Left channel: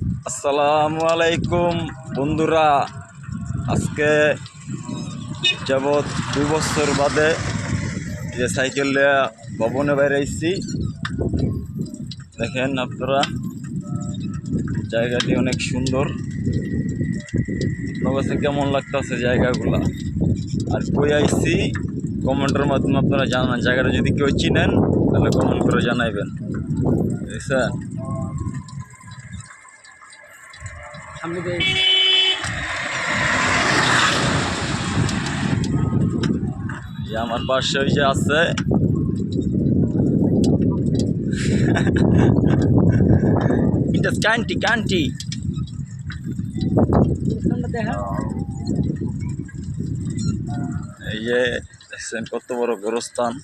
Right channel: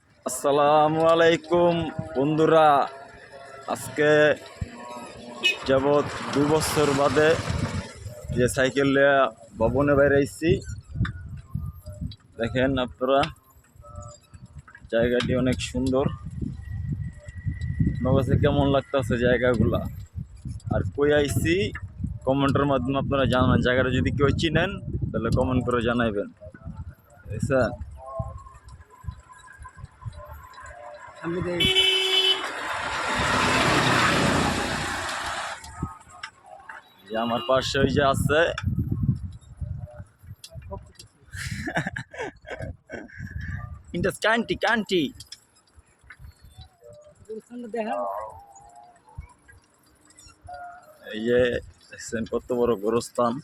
আসসালামু আলাইকুম বন্ধুরা। আজকে যাবৎ 2 বছর বাদে যে সাইকেল নিয়ে ভবনে বাইরে আইছি। দেখেন আপনারা, জায়গাটি অনেক সুন্দর। আপনার কাছে কেমন লাগতেছে জায়গাগুলা, আর কই আইছি কমেন্টের মাধ্যমে আপনারা জানান। জায়গাটা যদি কেউ চিনেন তাহলে কমেন্ট করে জানাইবেন, বুঝছেন? এই আমার পাশে ওই যে আছে এটা কান্টি কান্টি। এই যে দেখছেন কত বড় গোরস্থান।